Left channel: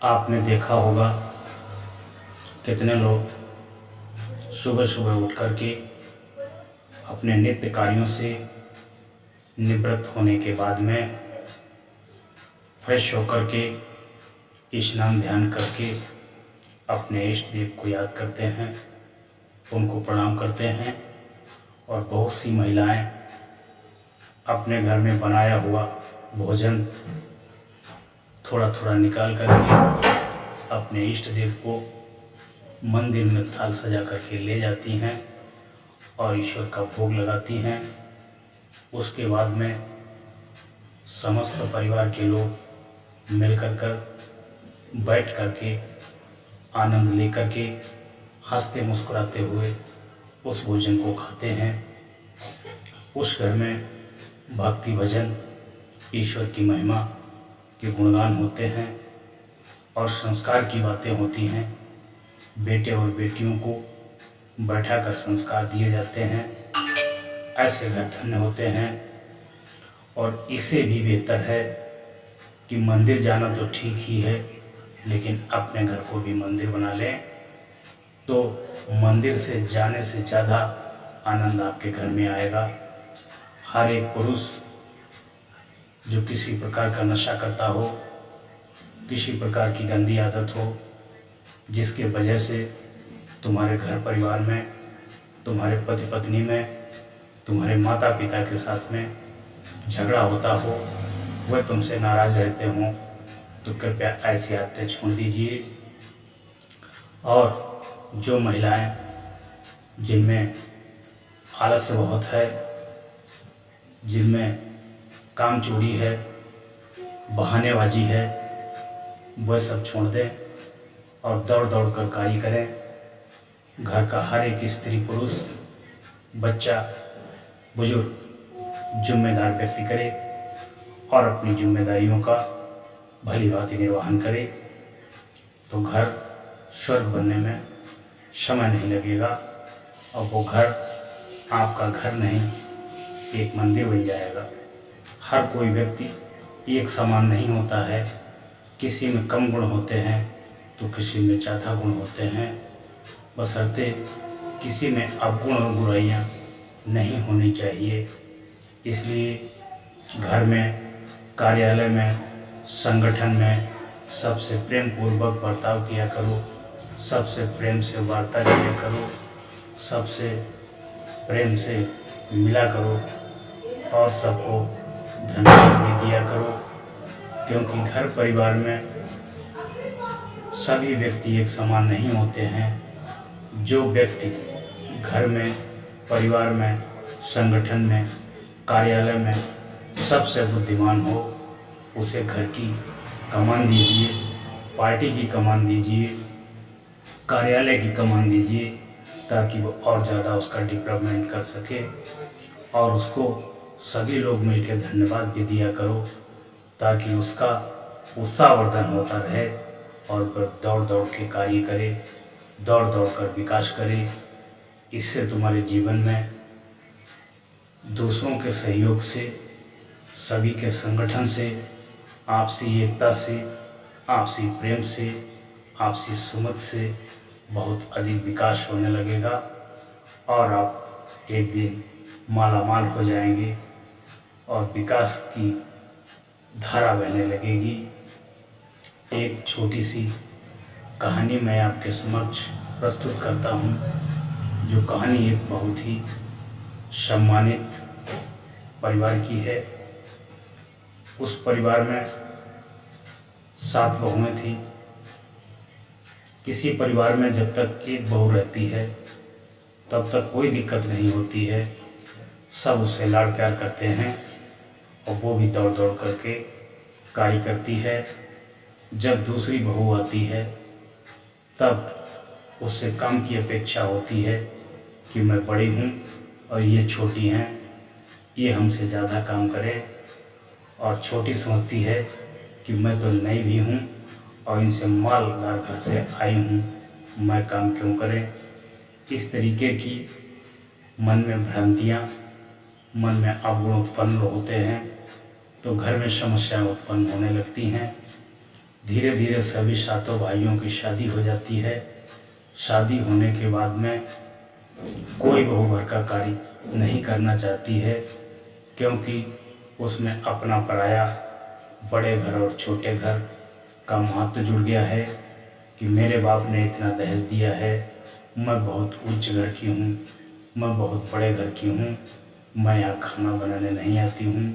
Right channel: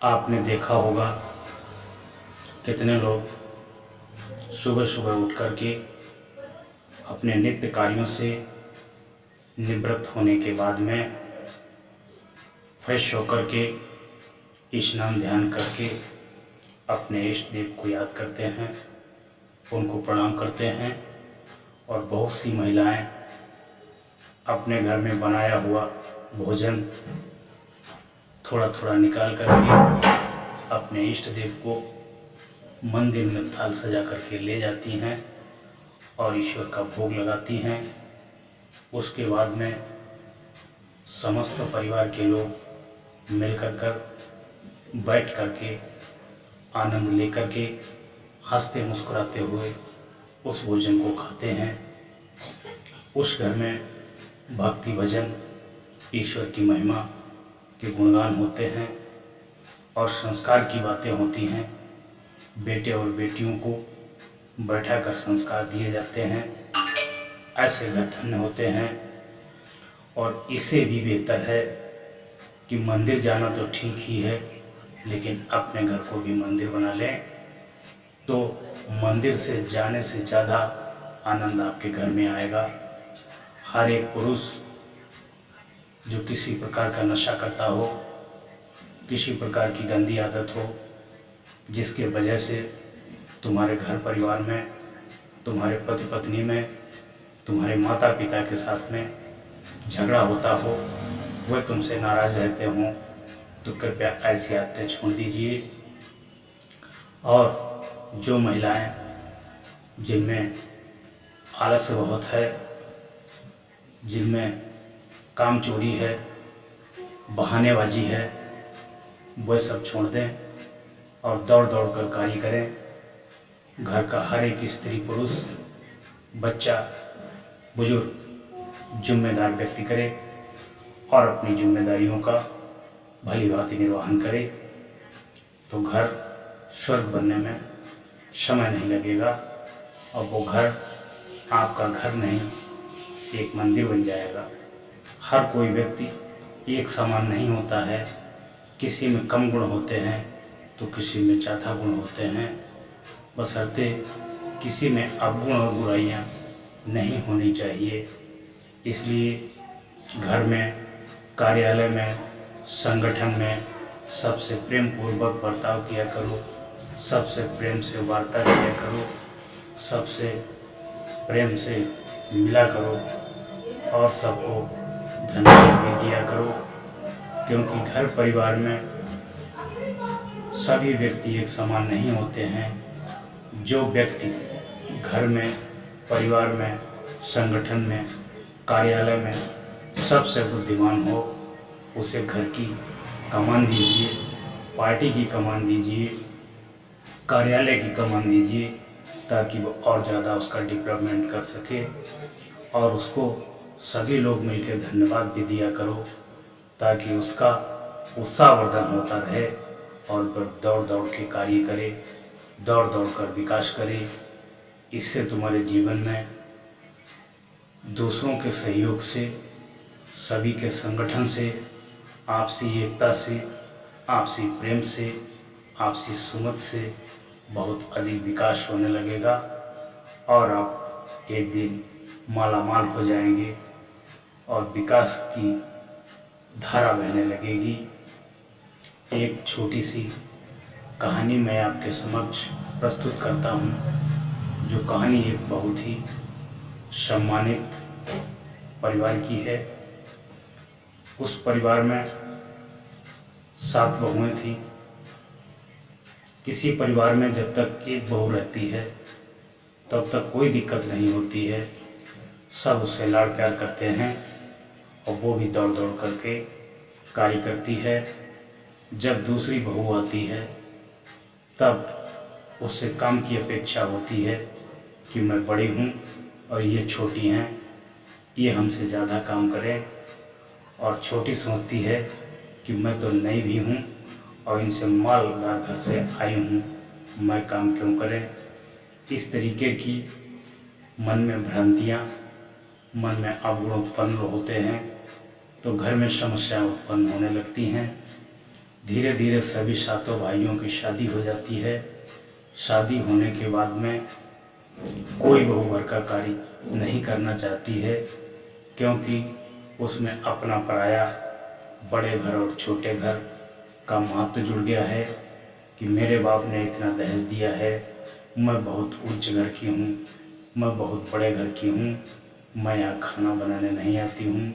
आपने देखा होगा कितने लोग सुबह सुबह उठ कर के अपने नित्य कार्यों से निवृत्त होने के बाद में फ्रेश होकर के स्नान ध्यान करके अपने इष्ट देव को याद करते हैं, उनको प्रणाम करते हैं। और बहुत सी महिलाएं अपने घर में बनाया हुआ भोजन थोड़ा थोड़ा निकाल करके अपने इष्ट देव को मंदिर में थाल सजा करके ले जाती हैं और ईश्वर का भोग लगाती हैं। उसके बाद में समस्त परिवार के लोग मिलकर कर बैठ करके आनंद लेकर के हंसते मुस्कुराते हुए उस भोजन को खाते हैं। उस घर में भक्ति भजन, ईश्वर की महिमा के गुणगान होते हैं और संस्कार की बातें होती हैं। बेटे और बेटियों को बैठाकर संस्कार दिए जाते हैं। ऐसे घर धन्य होते हैं। और इससे भी बेहतर है कि मंदिर जाना तो ठीक ही है, लेकिन अपने घर को भी मंदिर बना लें तो मंदिर से जाने से ज़्यादा आनंद आपके घर में आएगा। हर एक पुरुष जो किसी प्रकार का नशा करता हो, किसी प्रकार की गंदी आदत हो, जिसके वजह से तुम्हारे घर परिवार में, तुम्हारे पति पत्नी में, तुम्हारे माता पिता के साथ में झगड़ा होता हो, वह तुमसे नाराज़ रहते हों, तो कृपया ऐसी आदतें छोड़ दीजिए। और जो महिलाएं जिनमें आलस्य बहुत है, जिनमें काम चोरी है, बहानेबाजी है, वह सब छोड़ दें और दौड़ दौड़ कर कार्य करें। घर का हर एक स्त्री पुरुष, बच्चा, बुजुर्ग जिम्मेदार व्यक्ति करे और अपनी जिम्मेदारियों का भली भांति निर्वहन करे, तो घर स्वर्ग बनने में समय नहीं लगेगा और वो घर आपका घर नहीं, एक मंदिर बन जाएगा। हर कोई व्यक्ति एक समान नहीं होता है। किसी में कम गुण होते हैं तो किसी में ज़्यादा गुण होते हैं। बशर्ते किसी में अवगुण और बुराइयां नहीं होनी चाहिए। इसलिए घर में, कार्यालय में, संगठन में सबसे प्रेम पूर्वक बर्ताव किया करो, सबसे प्रेम से वार्ता किया करो, सबसे प्रेम से मिला करो और सबको धन्यवाद भी दिया करो। क्योंकि घर परिवार में सभी व्यक्ति एक समान नहीं होते हैं। जो व्यक्ति घर में, परिवार में, संगठन में, कार्यालय में सबसे बुद्धिमान हो, उसे घर की कमान दीजिए, पार्टी की कमान दीजिए, कार्यालय की कमान दीजिए, ताकि वो और ज़्यादा उसका डेवलपमेंट कर सके। और उसको सभी लोग मिलकर धन्यवाद भी दिया करो, ताकि उसका उत्साहवर्धन होता रहे और वह दौड़ दौड़ के कार्य करे, दौड़ दौड़ कर विकास करे। इससे तुम्हारे जीवन में दूसरों के सहयोग से, सभी के संगठन से, आपसी एकता से, आपसी प्रेम से, आपसी सुमत से बहुत अधिक विकास होने लगेगा और आप एक दिन मालामाल हो जाएंगे और विकास की धारा बहने लगेगी। एक छोटी सी कहानी मैं आपके समक्ष प्रस्तुत करता हूँ, जो कहानी एक बहुत ही सम्मानित परिवार की है। उस परिवार में 7 बहुएं थीं। किसी परिवार में जब तक एक बहू रहती है तब तक कोई दिक्कत नहीं होती है, सब उससे लाड़ प्यार करते हैं और वो भी दौड़ दौड़ करके कार्य करती है। जब दूसरी बहू आती है तब उससे काम की अपेक्षा होती है कि मैं बड़ी हूँ और ये छोटी हैं, ये हमसे ज़्यादा काम करें। और छोटी समझती है कि मैं तो नई भी हूँ और इनसे मालदार घर से आई हूँ, मैं काम क्यों करें। इस तरीके की मन में भ्रांतियाँ, मन में अवगुण उत्पन्न होते हैं तो घर में समस्याएं उत्पन्न होने लगती हैं। धीरे धीरे सभी सातों भाइयों की शादी हो जाती है। शादी होने के बाद में कोई बहू घर का कार्य नहीं करना चाहती है, क्योंकि उसमें अपना पराया, बड़े घर और छोटे घर का महत्व जुड़ गया है कि मेरे बाप ने इतना दहेज दिया है, मैं बहुत उच्च घर की हूँ, मैं बहुत बड़े घर की हूँ, मैं यहाँ खाना बनाने नहीं आती हूँ।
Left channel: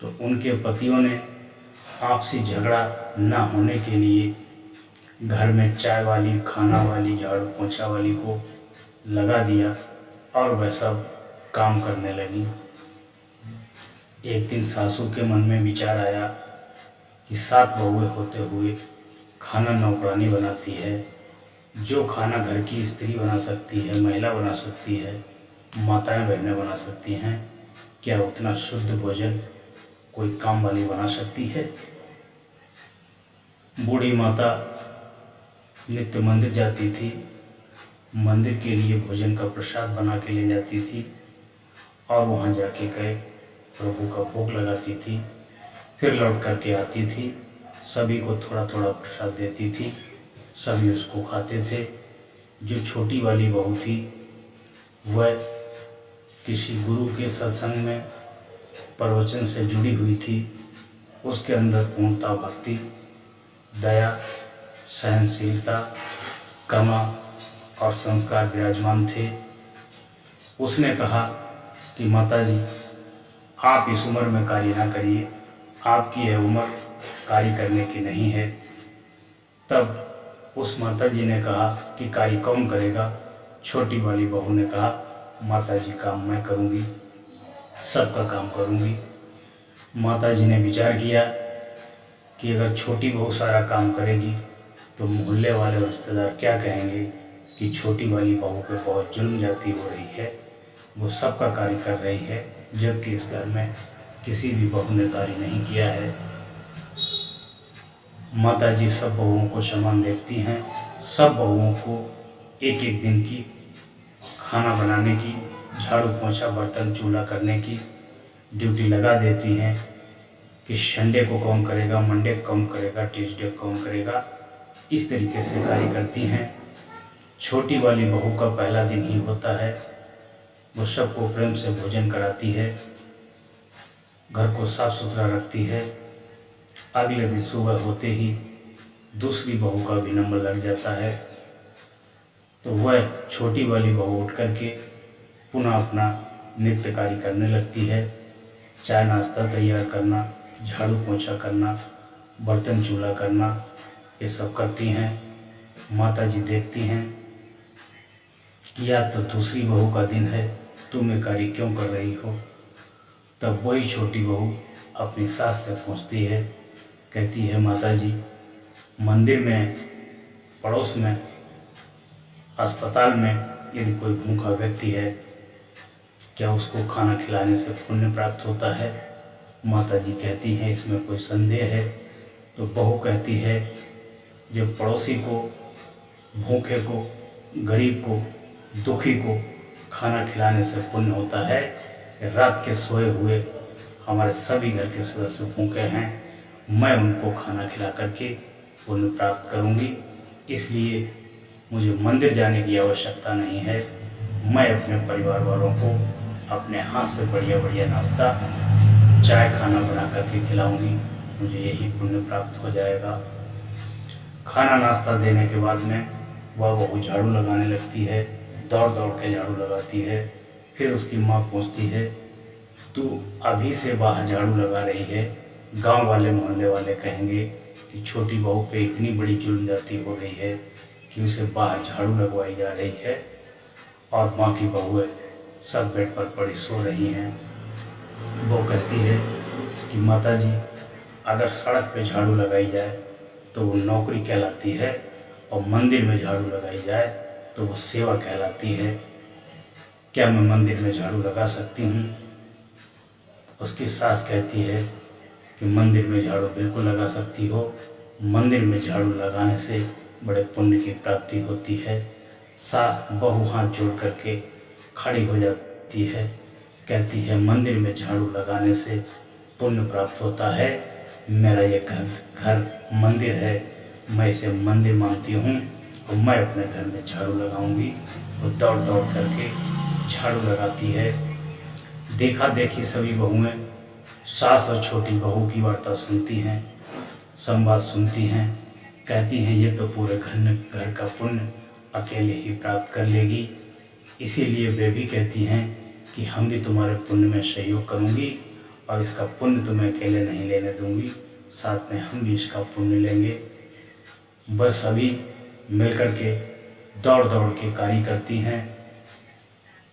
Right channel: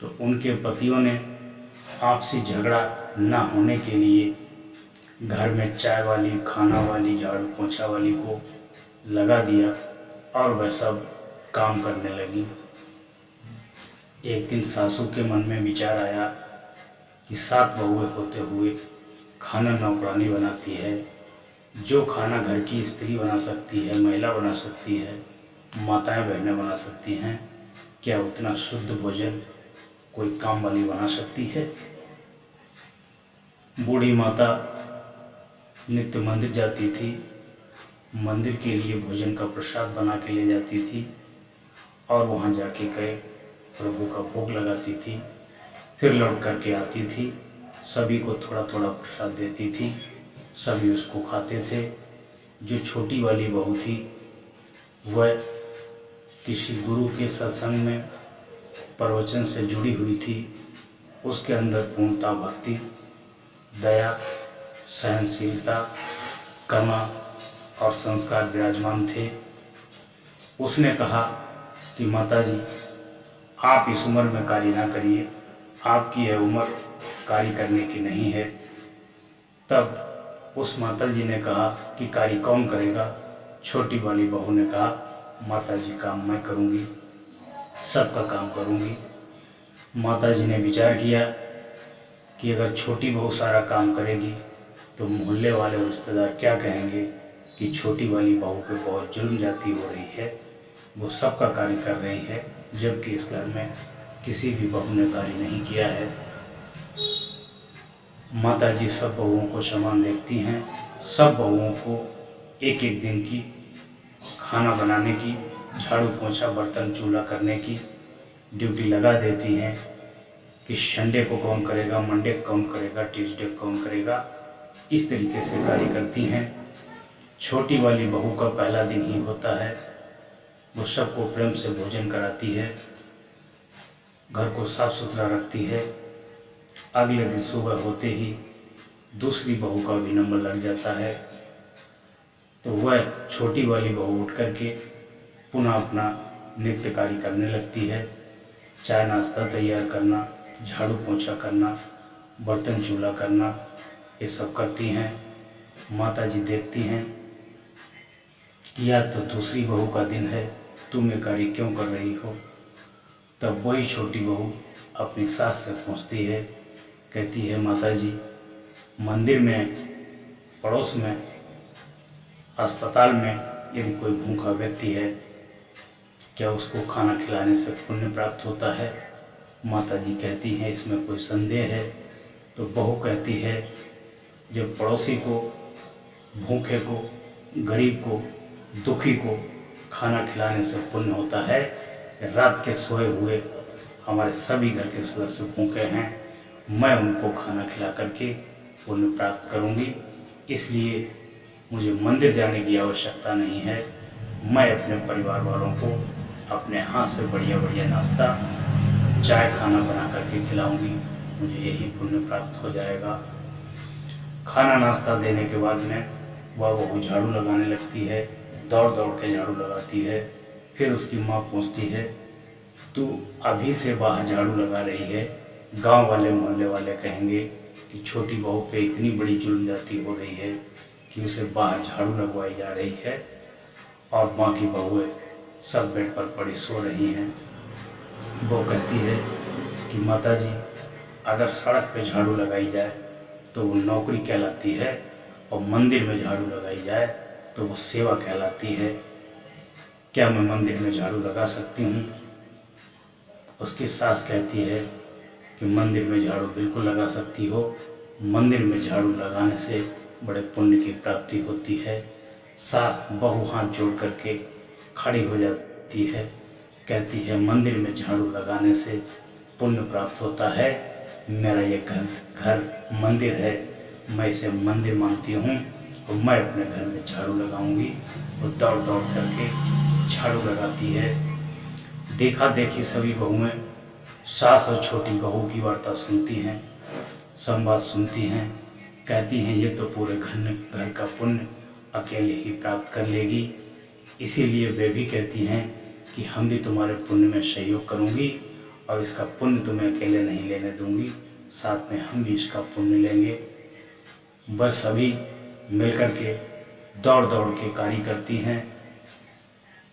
तो उनके पतियों ने आपसी झगड़ा ना होने के लिए घर में चाय वाली, खाना वाली, झाड़ू पोंछा वाली को लगा दिया और वह सब काम करने लगी। एक दिन सासू के मन में विचार आया कि 7 बहुएं होते हुए खाना नौकरानी बनाती है। जो खाना घर की स्त्री बना सकती है, महिला बना सकती है, माताएं बहनें बना सकती हैं, क्या उतना शुद्ध भोजन कोई काम वाली बना सकती है? बूढ़ी माता नित्य मंदिर जाती थी, मंदिर के लिए भोजन का प्रसाद बना के ले जाती थी और वहाँ जाके गए प्रभु का भोग लगाती थी, फिर लौट करके आती थी, सभी को थोड़ा थोड़ा प्रसाद देती थी, सभी उसको खाते थे। जो छोटी वाली बहू थी वह किसी गुरु के सत्संग में प्रवचन से जुड़ी हुई थी, उसके अंदर पूर्णता, भक्ति, दया, सहनशीलता, करुणा और संस्कार विराजमान थे। उसने कहा कि माता जी, आप इस उम्र में कार्य ना करिए, आपकी यह उम्र कार्य करने की नहीं है। तब उस माता जी ने कहा कि कार्य कौन करेगा? छोटी वाली बहू ने कहा, माता जी काम मैं करूँगी, सबका काम करूँगी। माता जी ने विचार किया कि अगर छोटी बहू सारा काम करेगी तो मोहल्ले वाले रिश्तेदार क्या कहेंगे कि छोटी वाली बहू पे बहुत जुल्म जाती हो रही है, वो सबका कार्य कर रही है, जबकि इस घर में किसी भी बहू ने कार्य नहीं किया है। माता जी सब बहुओं को समान देखती हैं, सब बहुओं को एक एक दिन की खाना बनाने की, झाड़ू पोंछा, बर्तन चूल्हा करने की ड्यूटी लगा देती हैं कि संडे को कौन करेगा, मंडे को कौन करेगा, ट्यूसडे को कौन करेगा। इस तरीके से कार्य करती हैं। छोटी वाली बहू का पहला दिन ही होता है, वो सबको प्रेम से भोजन कराती है, घर को साफ सुथरा रखती है। अगले दिन सुबह होते ही दूसरी बहू का भी नंबर लग जाता है, तो वह छोटी वाली बहू उठ करके पुनः अपना नित्य कार्य करने लगती है। चाय नाश्ता तैयार करना, झाड़ू पोंछा करना, बर्तन चूल्हा करना, ये सब करती हैं। माता जी देखती हैं कि आज तो दूसरी बहू का दिन है, तुम ये कार्य क्यों कर रही हो? तब वही छोटी बहू अपनी सास से पूछती है, कहती है, माता जी, मंदिर में, पड़ोस में, अस्पताल में यदि कोई भूखा व्यक्ति है, क्या उसको खाना खिलाने से पुण्य प्राप्त होता है? माता जी कहती हैं, इसमें कोई संदेह है? तो बहू कहती है, जब पड़ोसी को, भूखे को, गरीब को, दुखी को खाना खिलाने से पुण्य होता है, रात के सोए हुए हमारे सभी घर के सदस्य भूखे हैं, मैं उनको खाना खिला करके पुण्य प्राप्त करूंगी, इसलिए मुझे मंदिर जाने की आवश्यकता नहीं है। मैं अपने परिवार वालों को अपने हाथ से बढ़िया बढ़िया नाश्ता, चाय, खाना बना करके खिलाऊंगी, मुझे यही पुण्य प्राप्त हो जाएगा। खाना नाश्ता देने के बाद में वह बहू झाड़ू लगाने लगती है, दौड़ दौड़ के झाड़ू लगाती है। फिर उसकी माँ पूछती है, तू अभी से बाहर झाड़ू लगा रही है, गांव वाले मोहल्ले वाले कहेंगे कि छोटी बहू पे इतनी बड़ी जुल्म जाती हो रही है कि उसे बाहर झाड़ू लगवाई जा रही है और बाकी बहुएं सब बेड पर पड़ी सो रही हैं। वो कहती है कि माता जी, अगर सड़क पे झाड़ू लगाई जाए तो वो नौकरी कहलाती है और मंदिर में झाड़ू लगाई जाए तो वो सेवा कहलाती है। क्या मैं मंदिर में झाड़ू लगा सकती हूँ? उसकी सास कहती है कि मंदिर में झाड़ू बिल्कुल लगा सकती हो, मंदिर में झाड़ू लगाने से बड़े पुण्य की प्राप्ति होती है। बहू हाथ जोड़ करके खड़ी हो जाती है, कहती है, मंदिर में झाड़ू लगाने से पुण्य प्राप्त होता है, मेरा ये घर मंदिर है, मैं इसे मंदिर मानती हूँ और मैं अपने घर में झाड़ू लगाऊंगी। और दौड़ दौड़ करके झाड़ू लगाती है। देखा देखी सभी बहुएं सास और छोटी बहू की वार्ता सुनती हैं, संवाद सुनती हैं, कहती हैं ये तो पूरे घर का पुण्य अकेले ही प्राप्त कर लेगी। इसीलिए वे भी कहती हैं कि हम भी तुम्हारे पुण्य में सहयोग करूंगी और इसका पुण्य तुम्हें अकेले नहीं लेने दूंगी, साथ में हम भी इसका पुण्य लेंगे। वह सभी मिलकर के दौड़ दौड़ के कार्य करती हैं,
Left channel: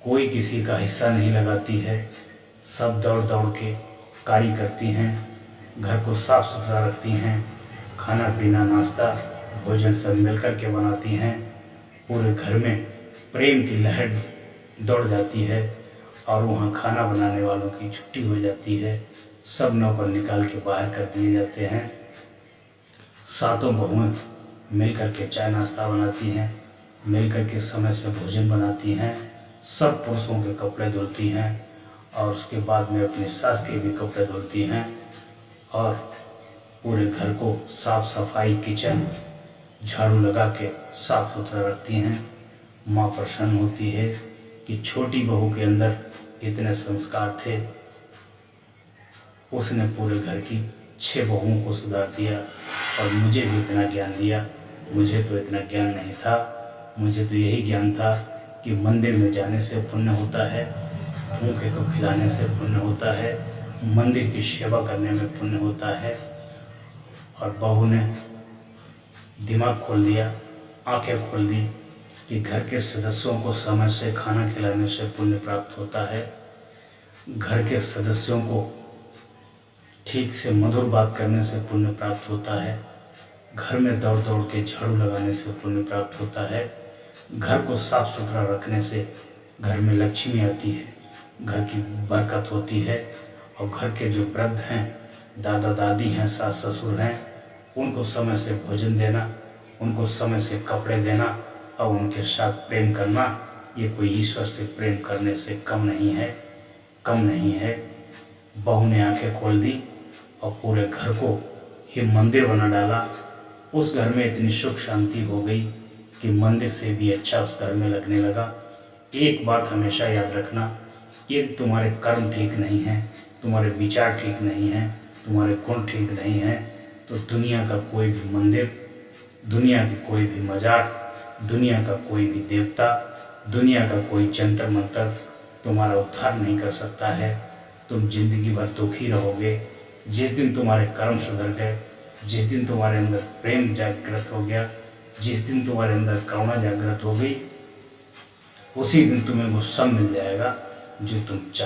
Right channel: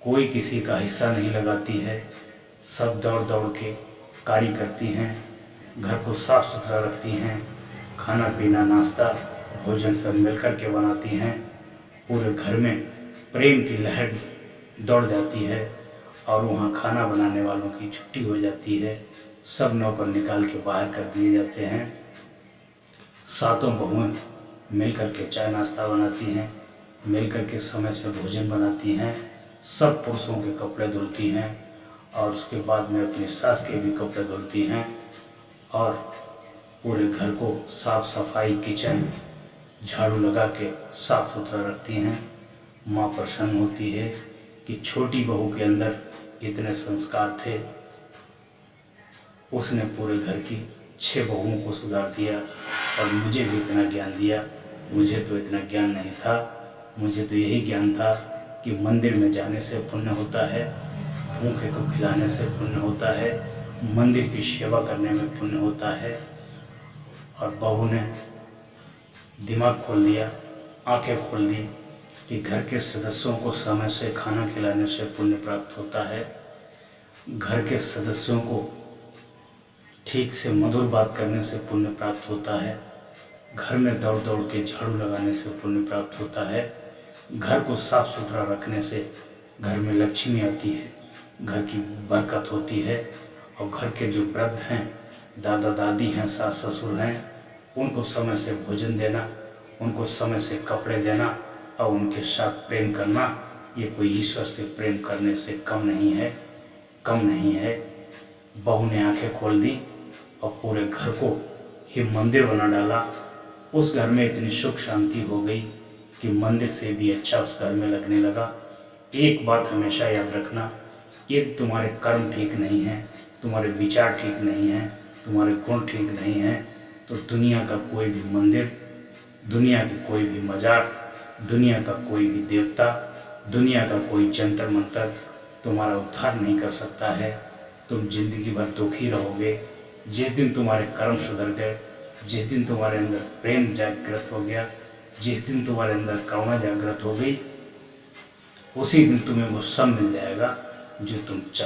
कोई किसी का हिस्सा नहीं लगाती है, सब दौड़ दौड़ के कार्य करती हैं, घर को साफ सुथरा रखती हैं, खाना पीना नाश्ता भोजन सब मिलकर के बनाती हैं। पूरे घर में प्रेम की लहर दौड़ जाती है और वहाँ खाना बनाने वालों की छुट्टी हो जाती है, सब नौकर निकाल के बाहर कर दिए जाते हैं। सातों बहुएं मिलकर के चाय नाश्ता बनाती हैं, मिलकर के समय से भोजन बनाती हैं, सब पुरुषों के कपड़े धुलती हैं और उसके बाद में अपनी सास के भी कपड़े धुलती हैं और पूरे घर को साफ सफाई किचन झाड़ू लगा के साफ सुथरा रखती हैं। माँ प्रसन्न होती है कि छोटी बहू के अंदर इतने संस्कार थे, उसने पूरे घर की 6 बहुओं को सुधार दिया और मुझे भी इतना ज्ञान दिया। मुझे तो इतना ज्ञान नहीं था, मुझे तो यही ज्ञान था कि मंदिर में जाने से पुण्य होता है, भूखे को खिलाने से पुण्य होता है, मंदिर की सेवा करने में पुण्य होता है। और बहू ने दिमाग खोल दिया, आंखें खोल दी कि घर के सदस्यों को समय से खाना खिलाने से पुण्य प्राप्त होता है, घर के सदस्यों को ठीक से मधुर बात करने से पुण्य प्राप्त होता है, घर में दौड़ दौड़ के झाड़ू लगाने से पुण्य प्राप्त होता है, घर को साफ सुथरा रखने से घर में लक्ष्मी आती है, घर की बरकत होती है। और घर के जो वृद्ध हैं, दादा दादी हैं, सास ससुर हैं, उनको समय से भोजन देना, उनको समय से कपड़े देना और उनके साथ प्रेम करना, ये कोई ईश्वर से प्रेम करने से कम नहीं है। बहू ने आंखें खोल दी और पूरे घर को ही मंदिर बना डाला। उस घर में इतनी सुख शांति हो गई कि मंदिर से भी अच्छा उस घर में लगने लगा। एक बात हमेशा याद रखना, यदि तुम्हारे कर्म ठीक नहीं हैं, तुम्हारे विचार ठीक नहीं हैं, तुम्हारे गुण ठीक नहीं हैं, तो दुनिया का कोई भी मंदिर, दुनिया की कोई भी मजार, दुनिया का कोई भी देवता, दुनिया का कोई जंतर मंतर तुम्हारा उद्धार नहीं कर सकता है। तुम जिंदगी भर दुखी रहोगे। जिस दिन तुम्हारे कर्म सुधर गए, जिस दिन तुम्हारे अंदर प्रेम जागृत हो गया, जिस दिन तुम्हारे अंदर करुणा जागृत हो गई, उसी दिन तुम्हें वो सब मिल जाएगा जो तुम चाहते हो।